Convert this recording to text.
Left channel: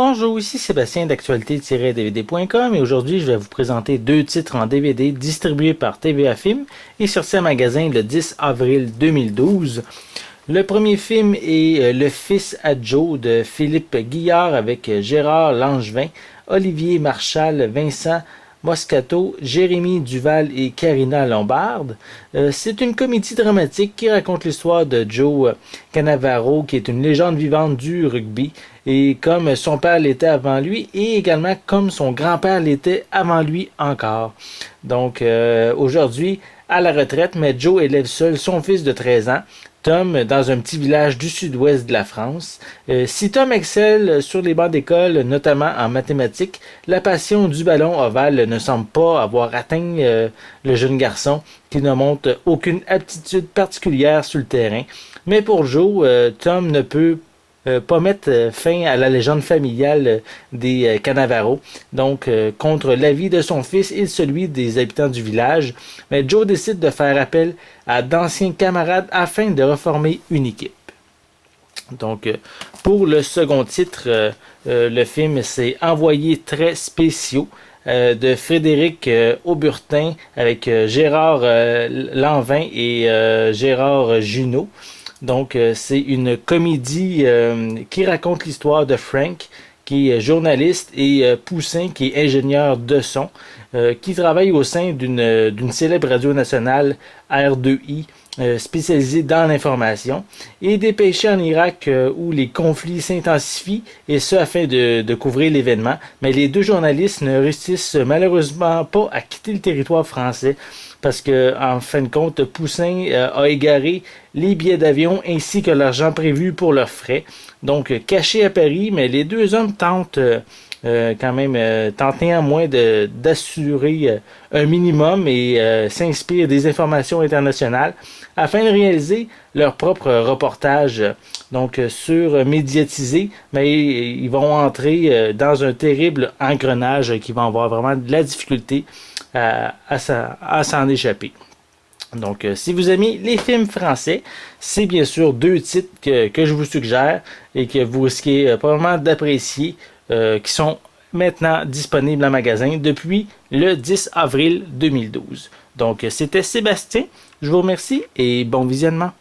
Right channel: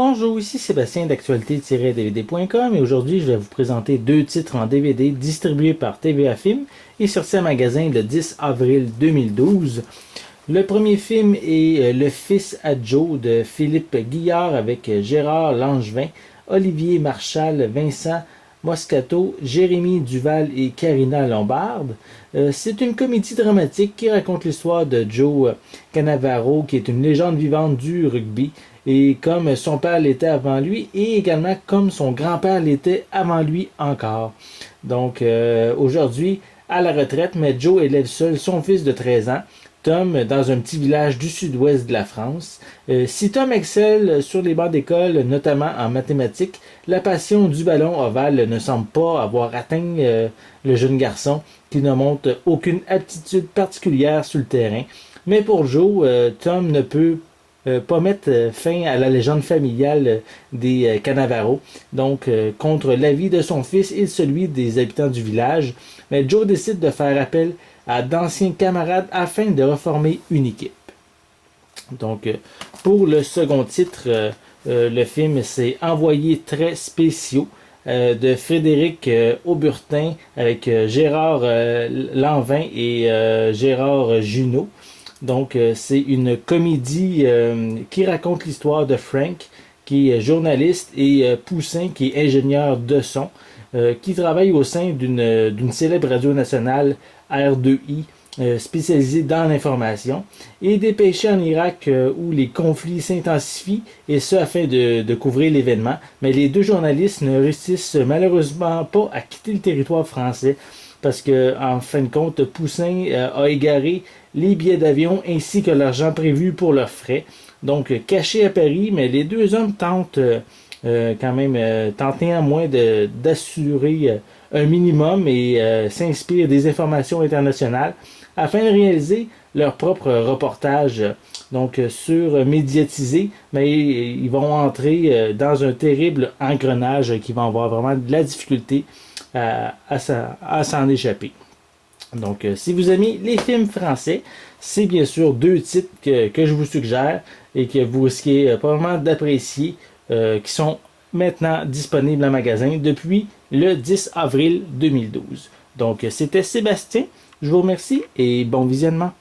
Bonjour, ici Sébastien d'actualité-dvd.com et aujourd'hui je vais vous présenter deux titres en DVD distribués par TVA Film et sortis en magasin le 10 avril 2012. Le premier film est Le Fils à Joe de Philippe Guillard avec Gérard Langevin, Olivier Marchal, Vincent Moscato, Jérémy Duval et Karina Lombarde. C'est une comédie dramatique qui raconte l'histoire de Joe Cannavaro, qui est une légende vivante du rugby, et comme son père l'était avant lui, et également comme son grand-père l'était avant lui encore. Donc aujourd'hui, à la retraite, mais Joe élève seul son fils de 13 ans, Tom, dans un petit village du sud-ouest de la France. Si Tom excelle sur les bancs d'école, notamment en mathématiques, la passion du ballon ovale ne semble pas avoir atteint le jeune garçon qui ne montre aucune aptitude particulière sur le terrain. Mais pour Joe, Tom ne peut pas mettre fin à la légende familiale des Cannavaro. Donc, contre l'avis de son fils et celui des habitants du village, mais Joe décide de faire appel à d'anciens camarades afin de reformer une équipe. Donc, pour le second titre, le film c'est Envoyés très spéciaux de Frédéric Auburtin avec Gérard Lanvin et Gérard Junot. Donc, c'est une comédie qui raconte l'histoire de Frank, qui est journaliste, et Poussin, qui est ingénieur de son, qui travaille au sein d'une célèbre radio nationale, R2I, spécialisée dans l'information, et dépêché en Irak où les conflits s'intensifient, et ce afin de couvrir l'événement. Mais les deux journalistes ne réussissent malheureusement pas à quitter le territoire français, parce que en fin de compte, Poussin a égaré les billets d'avion ainsi que l'argent prévu pour leurs frais. Donc, cachés à Paris, mais les deux hommes tentent tentent néanmoins d'assurer un minimum et s'inspirent des informations internationales afin de réaliser leur propre reportage sur médiatisé, mais ils vont entrer dans un terrible engrenage qui va avoir vraiment de la difficulté à s'en échapper. Donc, si vous aimez les films français, c'est bien sûr deux titres que je vous suggère et que vous risquez probablement d'apprécier, qui sont maintenant disponibles en magasin depuis le 10 avril 2012. Donc, c'était Sébastien. Je vous remercie et bon visionnement.